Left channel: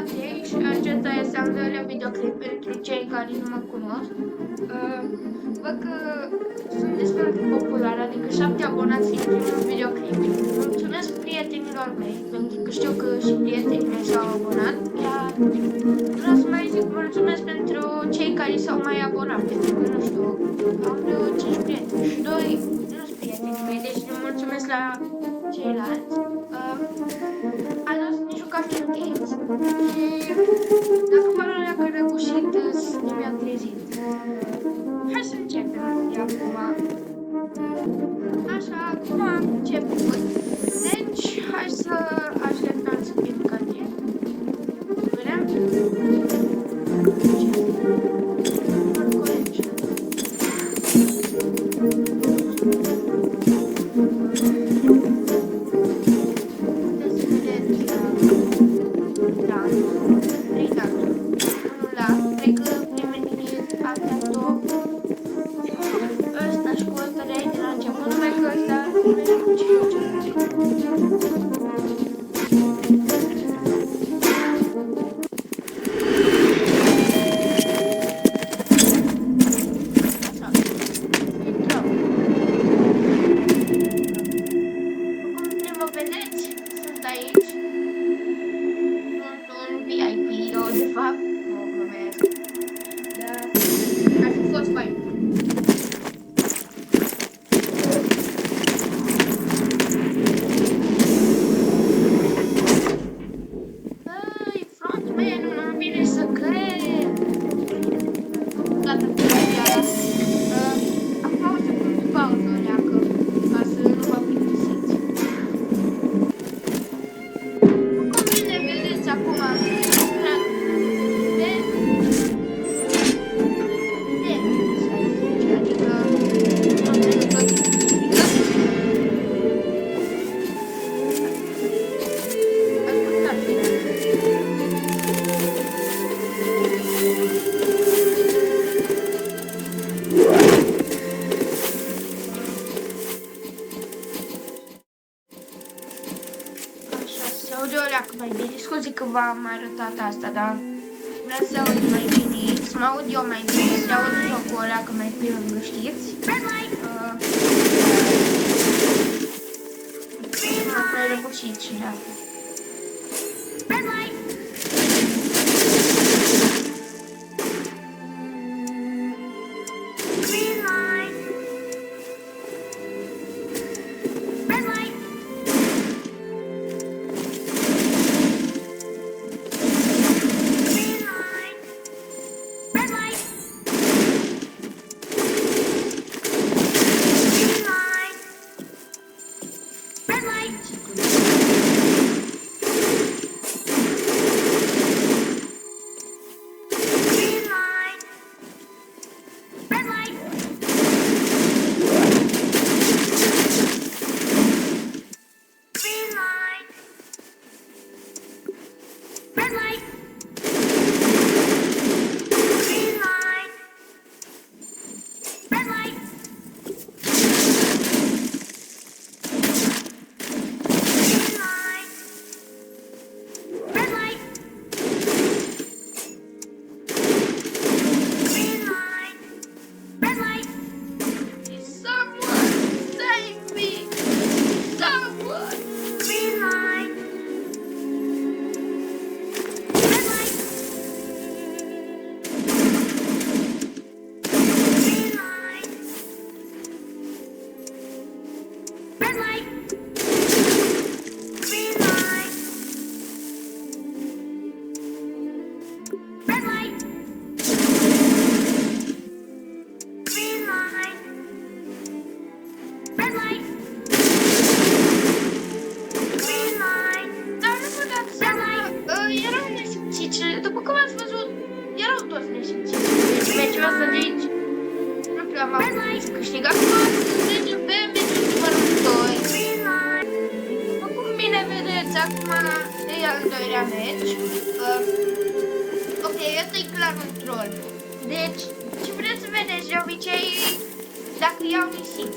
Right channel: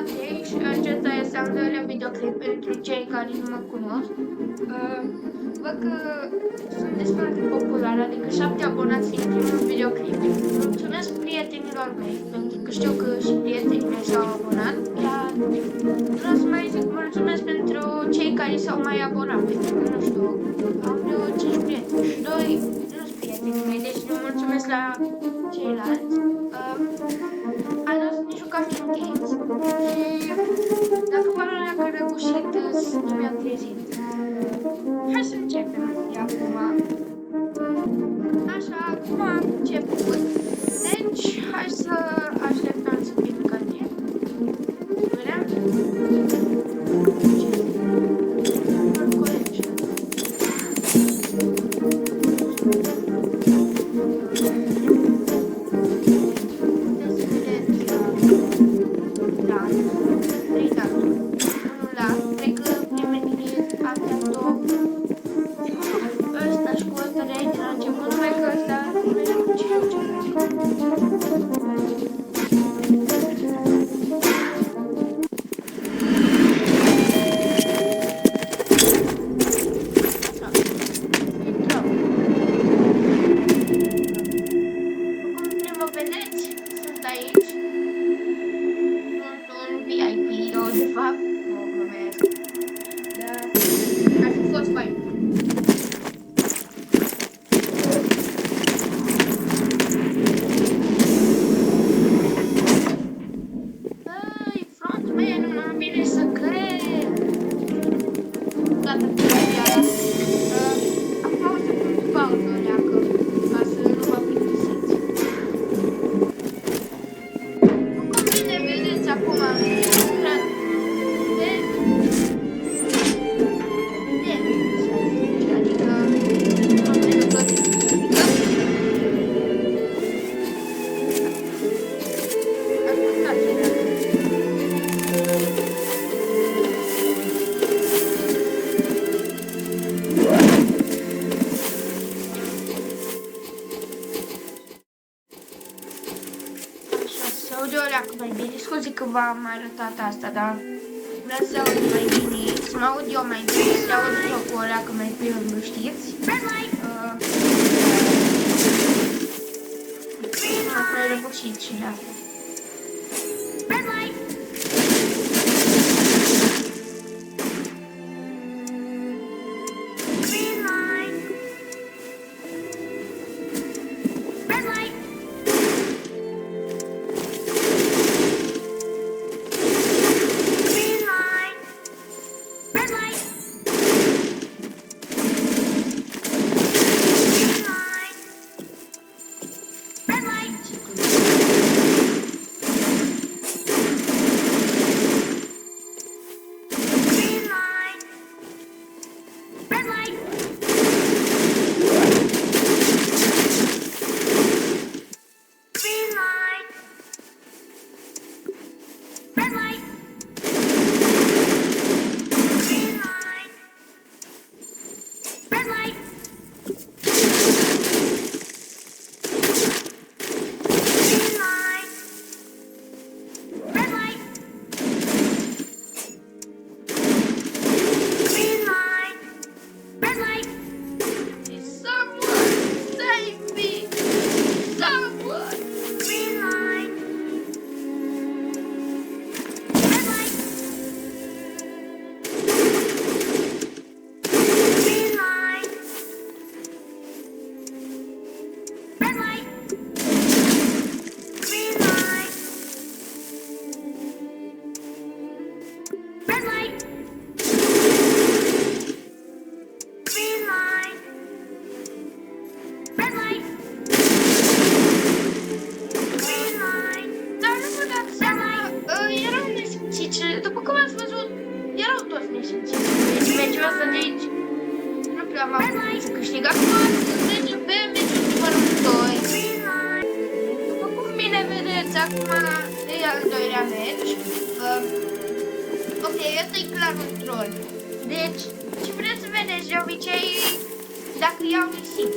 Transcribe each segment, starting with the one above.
Matei și acesta este al doilea videoclip pentru cei care nu mă cunosc. Văd că sunt destul de popular, adică 7 abonați din primul videoclip. Mulțumesc prietenilor mei, pentru că știu că și prietenii mei s-au abonat. Iar vreau să mai zic mulțumesc pentru cei care s-au mai abonat, pentru că, nu știu, am vreo 5 prieteni și 2 nu sunt prietenii mei, deci le mulțumesc la ceilalți. Azi ne jucam New Games și dacă părul ăla că răgușit nu mi-a trezit. Hai să începem de acum. Așa, acum am început. Deci, hai să așteptăm să fim către. Vedem? Mai bine, scuze că v-am arătat asta, dar vreau să aud mai bine, să mă aud eu mai bine, să aud jocul ăla că mai pe lângă, știți? M-a mai răbușit și de asta. Să câștig acum, mergem pe meciul numărul 2. După cum bine vedeți, acum e al doilea meci. Ok, ăsta e clar un troll. Deci, ce vreți să vedeți de obicei, dacă iau nisip.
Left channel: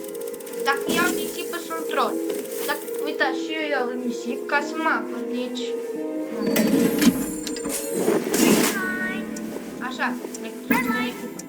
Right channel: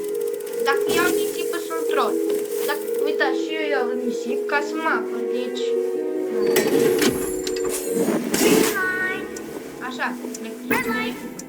Dacă iau nisip, sunt troll. Uitați, și eu iau nisip ca să mă apăr, deci... Așa, le clicăm în echipă.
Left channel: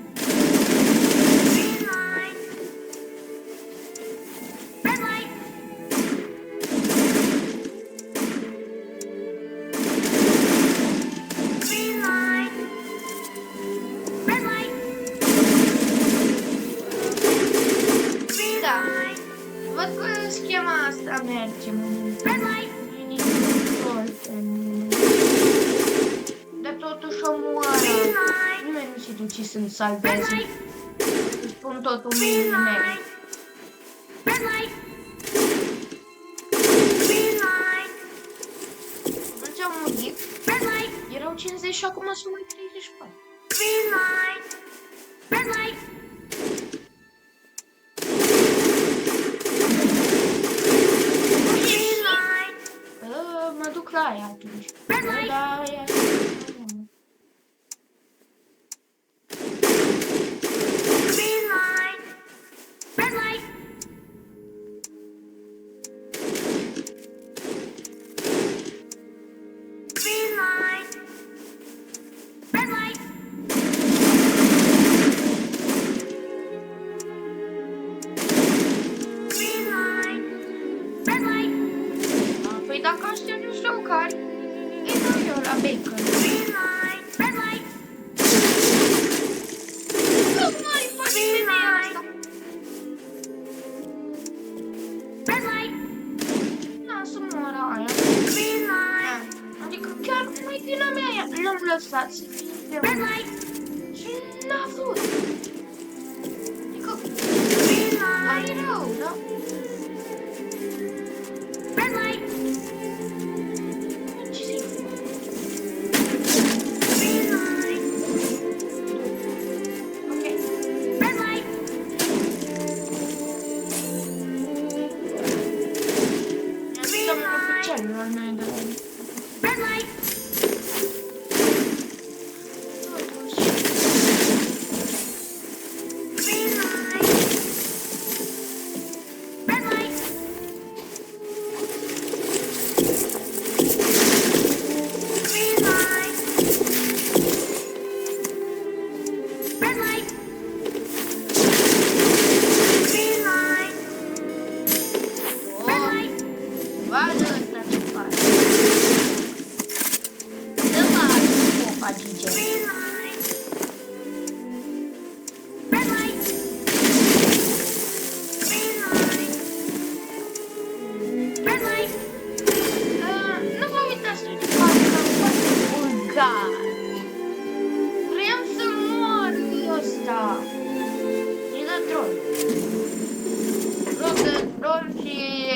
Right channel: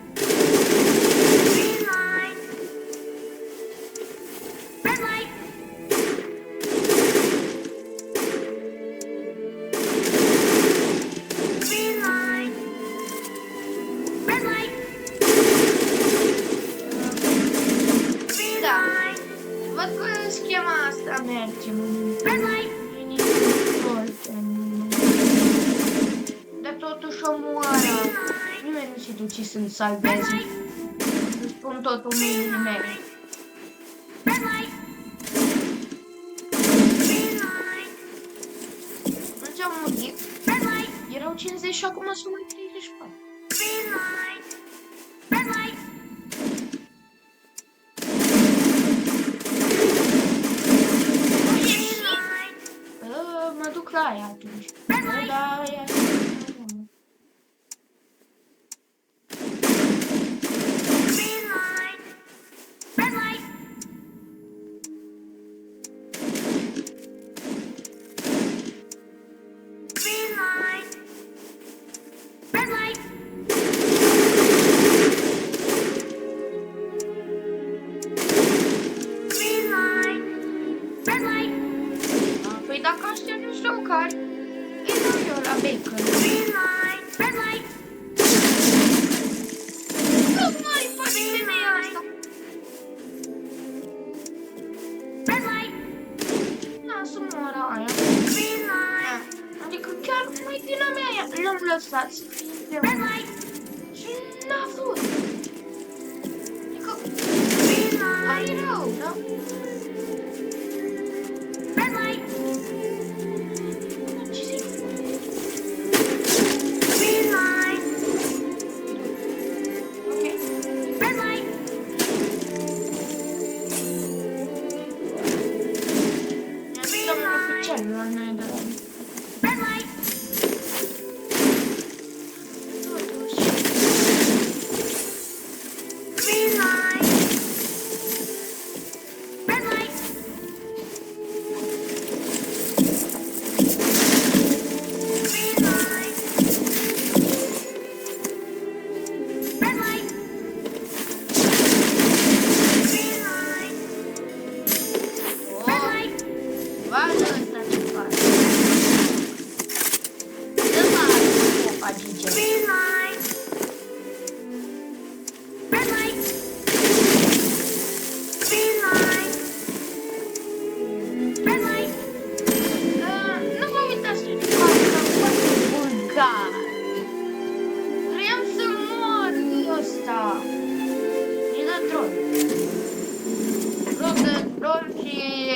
Văd că schema asta merge dar totuși omoară. Nimeni nu se duce să-mi salveze. Să spun totul mâinile mele. Nu ți-au murit? Erau 50 și acum sunt mai 34. Mă duc la aia atunci. Da, aia. Păi dacă aștept niște ocari, îi dau eu la bacon. Nu mai face femeia asta. Da, să moară aia. Adică chiar mai vina mea, l-am lăsat să fie împreună. Și n-a vrut. Adică, mai rău, da?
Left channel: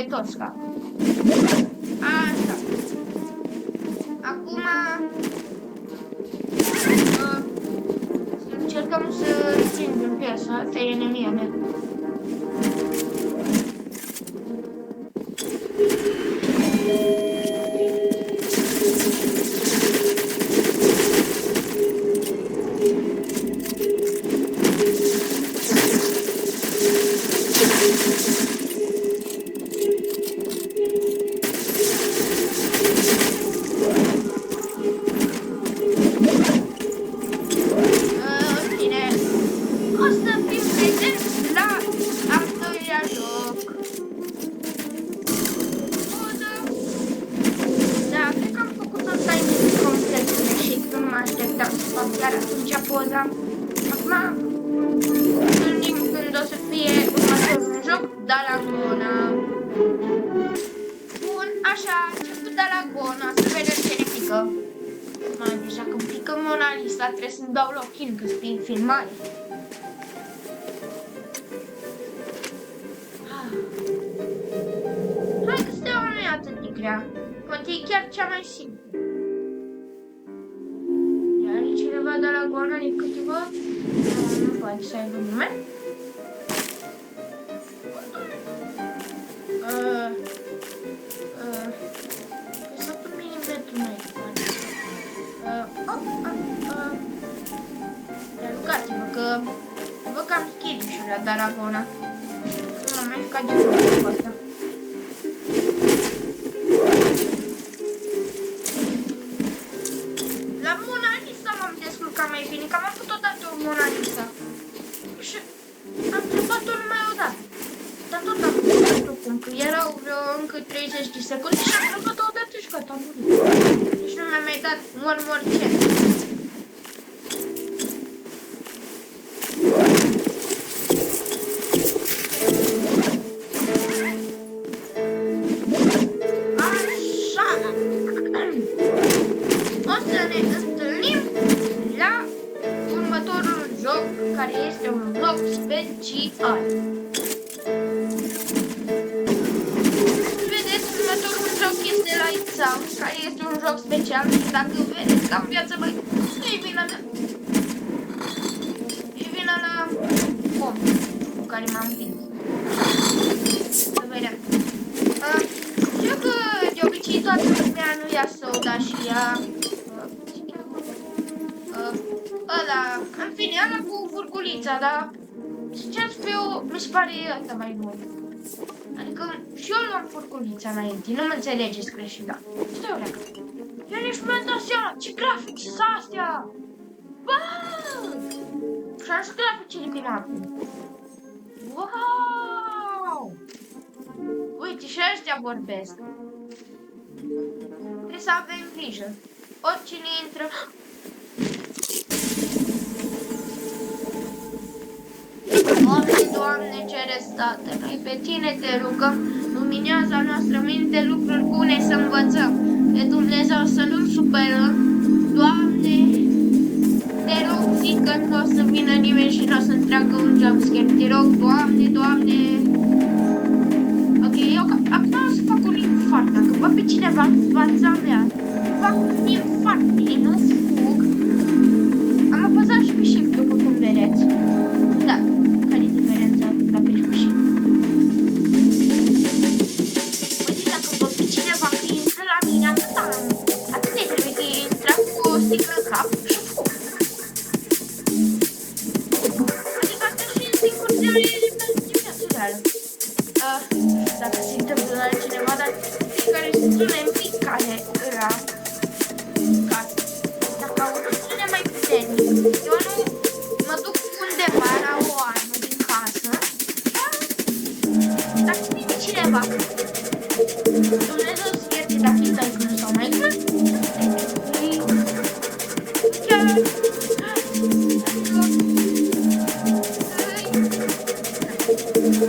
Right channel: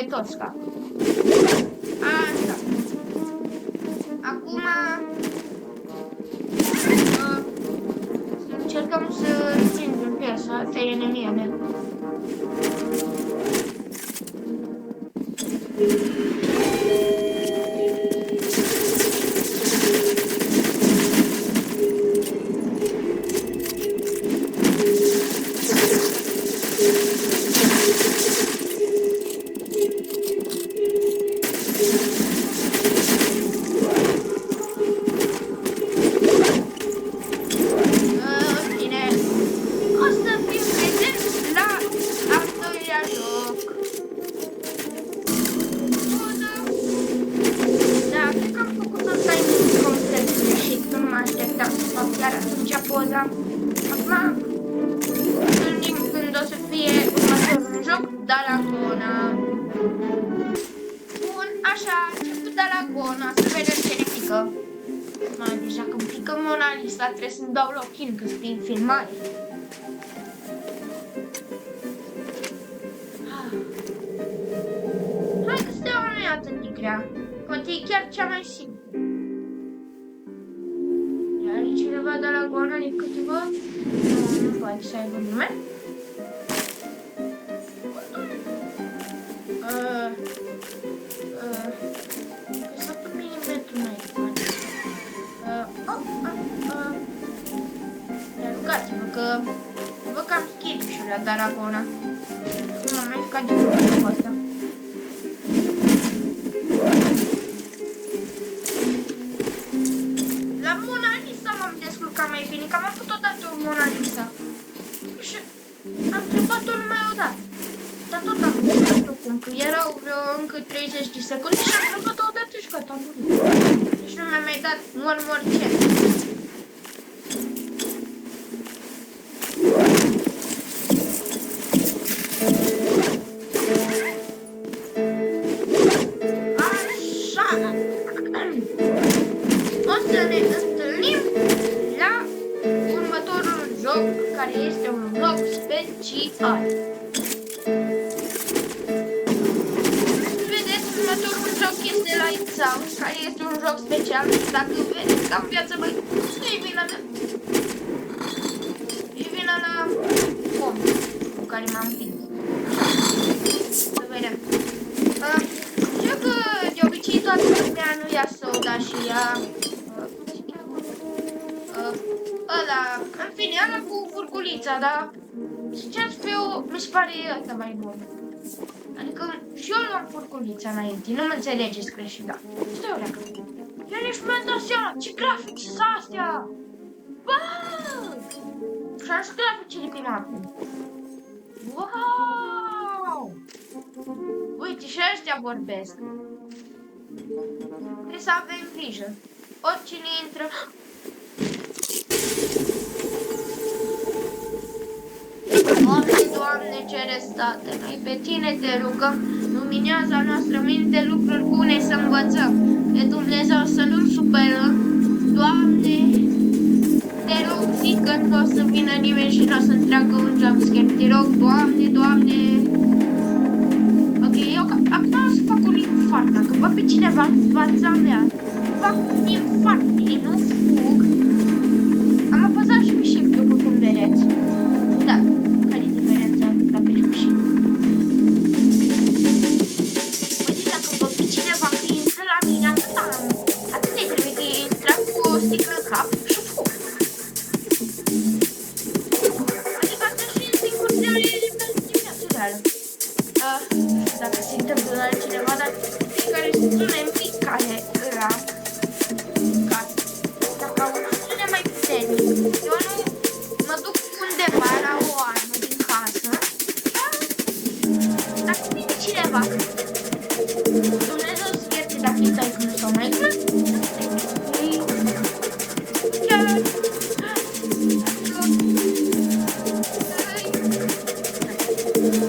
Tosca. Așa. Acum să încercăm să stingem piesa. Asta e enemia mea. Acum gândim când o să fie următorul joc, Dalagona. Bun, așa, a început Dalagona, să vedem ce ne pică. Mai deja când pică Mona Lisa trebuie să-mi dau login că sunt în filmare. Hai că steaua nu e atât de grea, poate e chiar cea mai simplă. Are cineva de la Dalagona de câteva? Nu poate să aibă nume. Că s-a pe milimetru mai poate. Dar rugați-vă că vă cam schirișul la Dalagona. Nu m-am mai jucat de mult cu asta. că erau vreo încă 30 de secunde și am trecut odată și gata, am murit. Deci nu mi-a mai dat one more chance. Așa. O să ne întâlnim la următorul joc, care este un joc special. Vedeți, următorul joc este Lights Out, care este un joc special și dacă vedeți că am viață mai... E vina mea. E vina la om cu care m-am împins. Să vedem. Știu că de obicei toată lumea nu ia soda și ia... ăla, în fine, ăla cu furculița, dar sincer să fiu, mi se pare ăsta mai bun. Adică și eu luam furculița înainte, nu mă înțelegeți greșit, da. Stai o leacă. Eu nici nu mi-am dat seama, ce grafici sunt astea! Bă! Și-am și graficile pe mapă. Wow! Uite, și ăștia vorbesc. Trebuie să avem grijă. Oricine intră... Doamne, cere state, noi pe Tine te rugăm, luminează a noastră minte lucruri bune să învățăm. Pe Dumnezeu să nu-L supărăm, Doamne, te rog, zic că nu o să vină nimeni și nu o să-mi treacă un jumpscare. Te rog, Doamne, Doamne. Ok, eu acum o să fac un infart, dacă văd pe cineva în fața mea, fac un infart, nu fug. Am apăsat și pe shift, după cum vedeți. Da. Care e diferența la pe și? Uite, dacă văd pe cineva că intră la mine, atât de trebuie că intră cu o sticlă în cap și fug. Adică asta și este încurțare din viața reală. Nu știu dacă se întâmplă la cineva, dar fiecare sună în pic care era în casă. Dacă aud un sunet mai puternic, eu nu mă duc undeva la o armă din casă, dacă vine cineva, Dumnezeu să ierte dacă e taică sau mai glumă, chiar,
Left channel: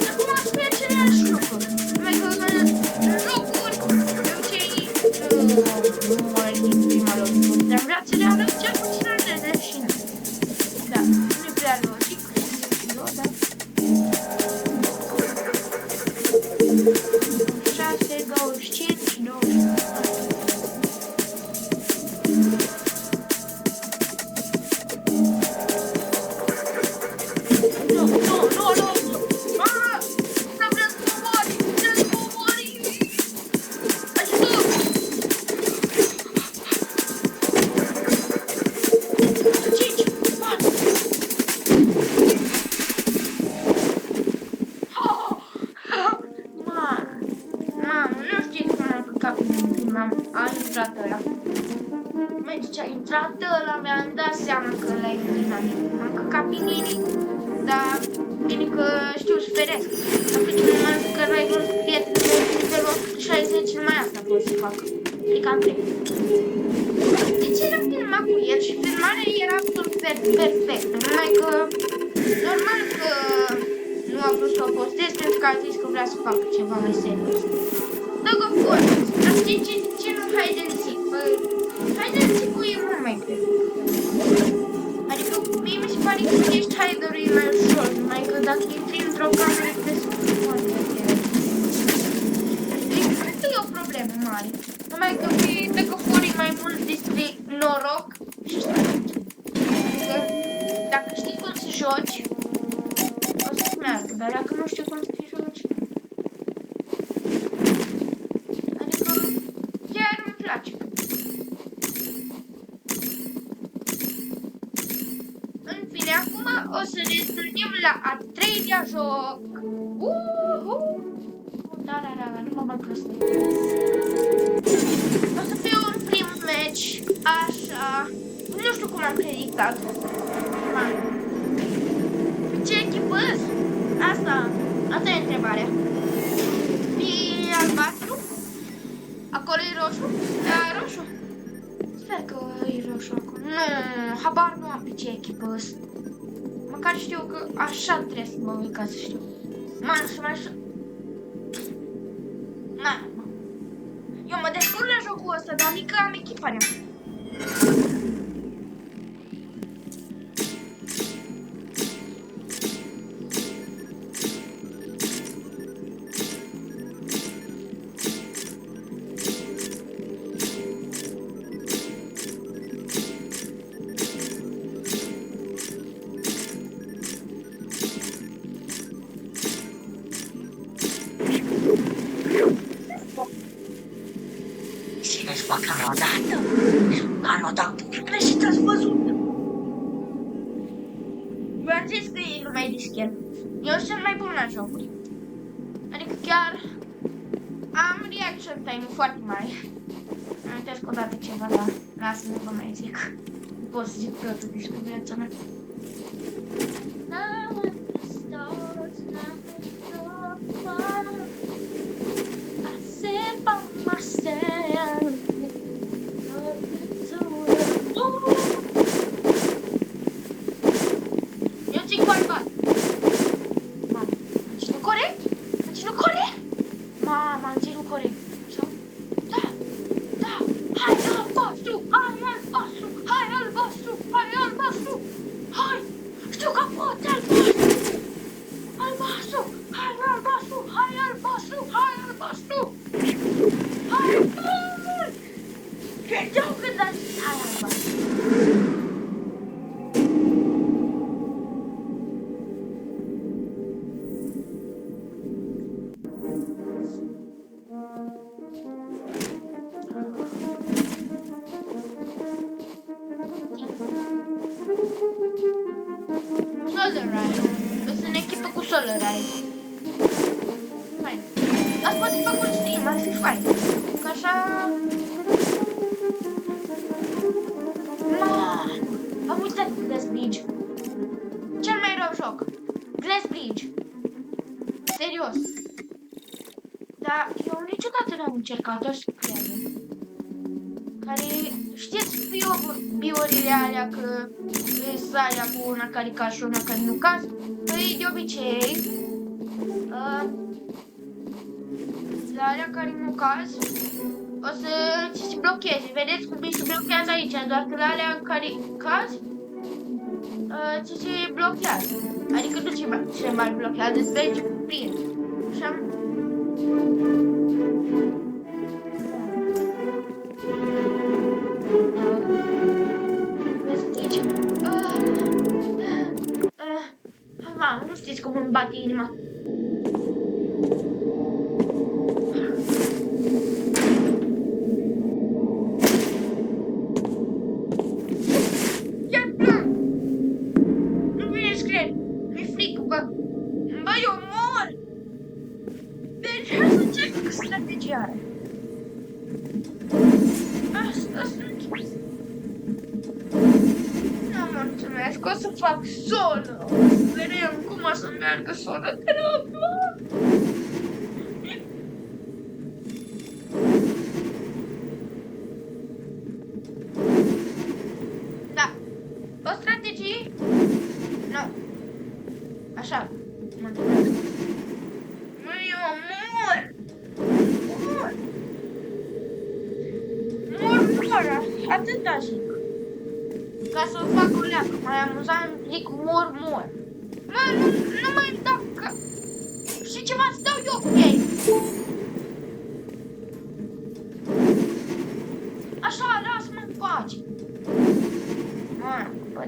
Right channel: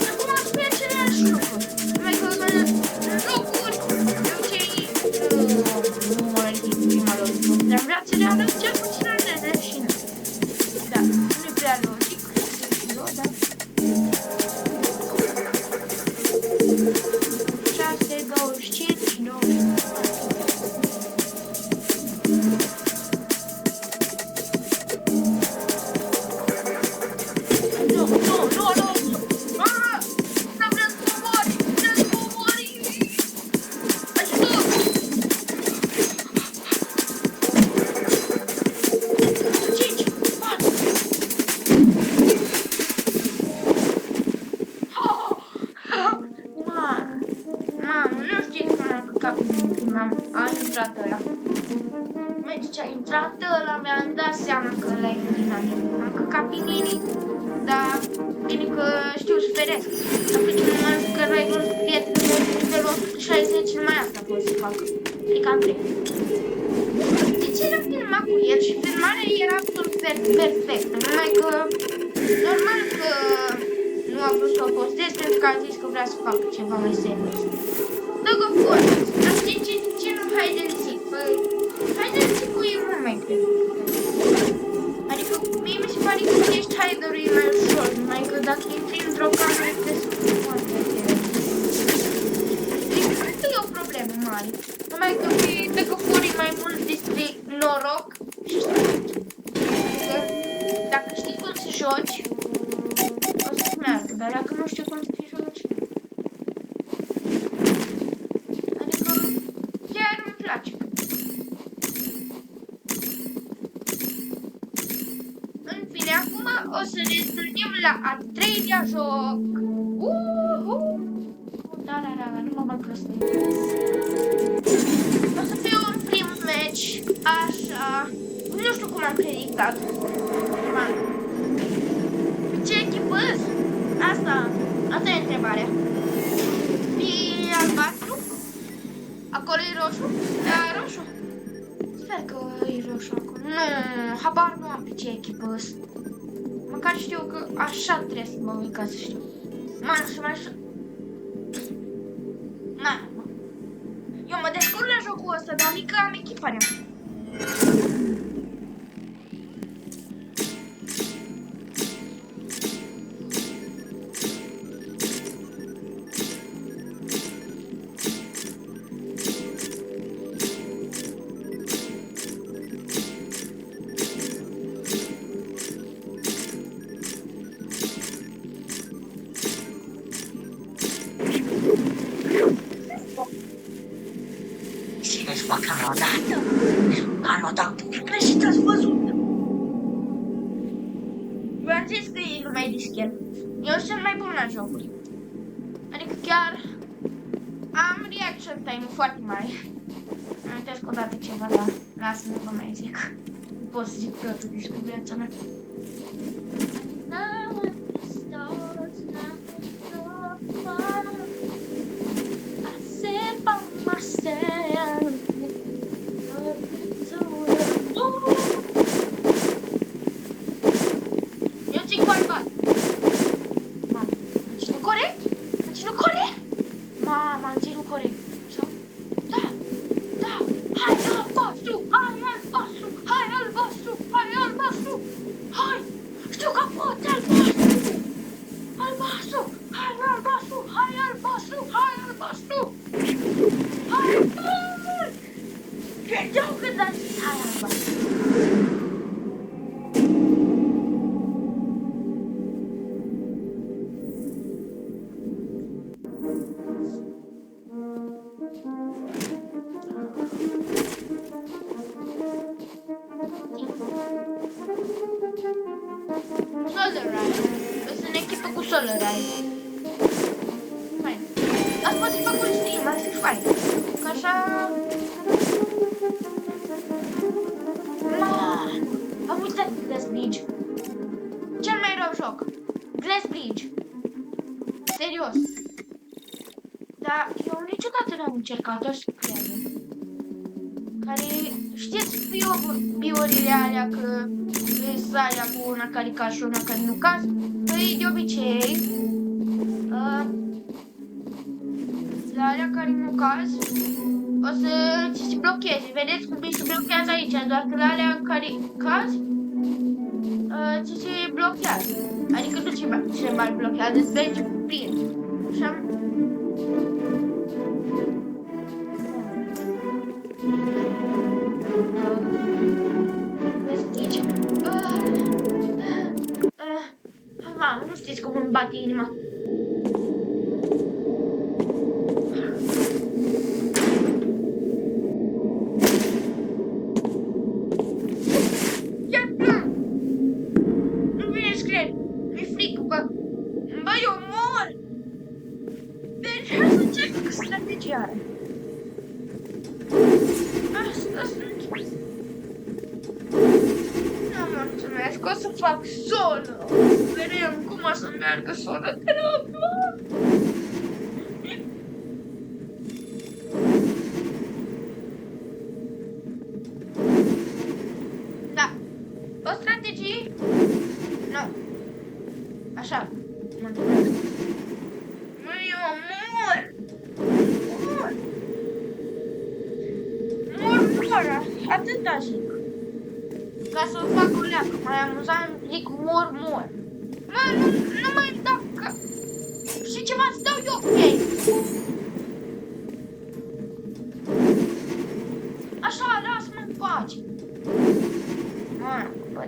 acum aș fi același lucru, numai că în jocuri, de obicei, nu mă din prima lovitură, dar în viața reală, cel puțin în leșină. Da, nu e prea logic, da. 6, 25, 24. A intrat ăla. Măi, ce a intrat ăla, mi-am dat seama că ăla e dinamic. Am căcat pe mine, dar bine că știu să feresc. Dacă cineva zic că n-ai vrut prietenul meu de nivelul 160, numai asta pot să fac. E cam trei. Deci era filmat cu el și filmarea era absolut perfectă. Numai că, normal că nu a vrut să o postez pentru că a zis că vrea să facă ceva mai serios. Dă-gă fotă! Dar știi ce nu hide-and-seek? Hide-and-seek-ul e mult mai greu. Adică mie mi se pare că ești hider-ul e mai ușor, numai că dacă intri într-o cameră te spune foarte greu. Deci cred că e o problemă mare. Numai că dă-gă fotă e mai mult despre noroc și strategie. Adică dacă știi cum să joci, o să-ți meargă, dar dacă nu știi cum să te joci, acum o să ne întâlnim la a treilea joc. Da, nu mă mai prostă. O să fie un prim match, așa. Nu știu cum am predictat. Ce echipă? Asta e întrebarea. albastru? Acolo e roșu? Da, roșu. Sper că e roșu acolo. Nu, habar nu am pe ce echipă ăsta. Măcar știu că așa trebuie să mă uit ca să știu. Mamă, să mai știu. Mamă. Eu mă descurc la jocul ăsta, dar mică am echiparea. Cine-și fac carodată? Carodată, greșit ați văzut! V-am zis că e lumea dischel. Eu sunt mai bun la jocuri. Adică chiar am reaction time-ul foarte mare. Îmi amintesc odată ceva, dar lasă-mă, vă mai zic. Nu pot să zic totul despre viața mea. Eu zic cu albastru. Mamă, am ținut corect? Am ținut corect? Mamă, am ținut corect. Sau? Da, da. Hai albastru, hai albastru, hai albastru, hai albastru. Hai, știu că poți albastru. Albastru, hai albastru, hai albastru, hai albastru. Hai, hai. Credeau când am zis hai albastru. Solarite. Sunt în echipă cu Solarite. Fain. Ați poate fac un stream, ar fi fain. Că așa... Am uitat Glass Bridge. Cel mai rău joc. Glass Bridge. Serios. Dar eu niciodată n-am încercat, o să cred. Care, știți biurile alea că sunt alea cu una care caz și una care nu caz? Păi de obicei, la alea care nu caz, o să ți se blocheze. Vedeți cum se blochează aici, doar că la alea care caz, ți se blochează. Adică nu se mai blochează, îți merge plin. Așa. Mamă, nu știți cum îmi bate inima. Iar plan! Nu vine să cred. Mi-e frică, bă. Bă, eu mor! Deci, hai să încerc strategia. Asta sunt. Nu mulțumesc, o să fac solo. O să vedem cum o să meargă solo. Da. O strategie? Nu. Așa. Mulțumesc. Măi, eu mor. Mor. Mor. Atâta zic. Ca să o fac o leacă, mai amuzant, zic mor. Mă, nu mai dau că... Și ceva îți dau eu cu ei. Așa, lasă-mă în pace. Mă, bă...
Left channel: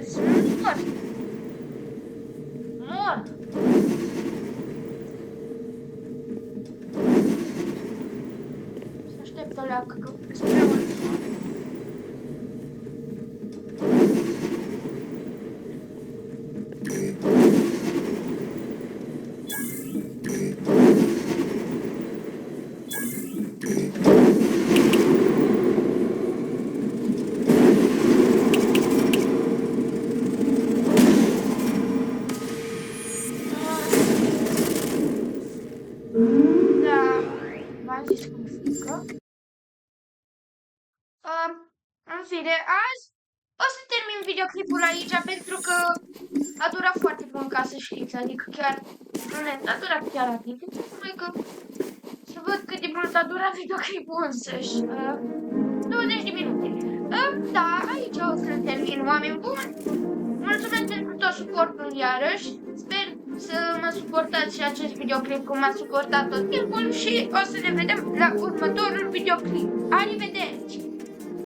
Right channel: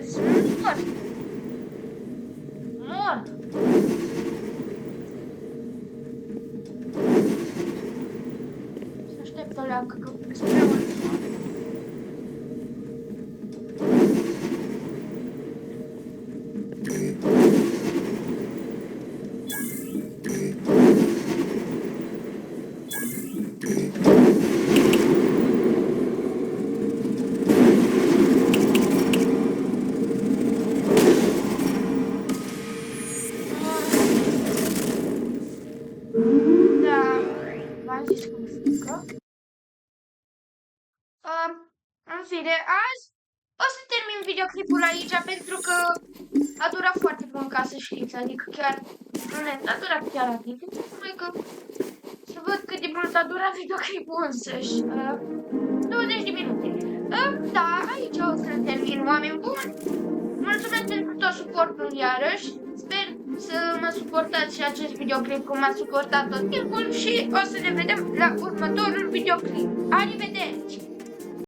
Îți mor. Să aștept o leacă, că îți prea mult. zis că mi-e frică. În fine, azi o să termin videoclipul aici pentru că a durat foarte mult, ca să știți, adică chiar a durat chiar rapid. Numai că să văd cât de mult a durat videoclipul însăși. 20 de minute. Da, aici o să termin, oameni buni. Mulțumesc pentru tot suportul iarăși. Sper să mă suportați și acest videoclip cum m-a suportat tot timpul și o să ne vedem la următorul videoclip. Arrivederci!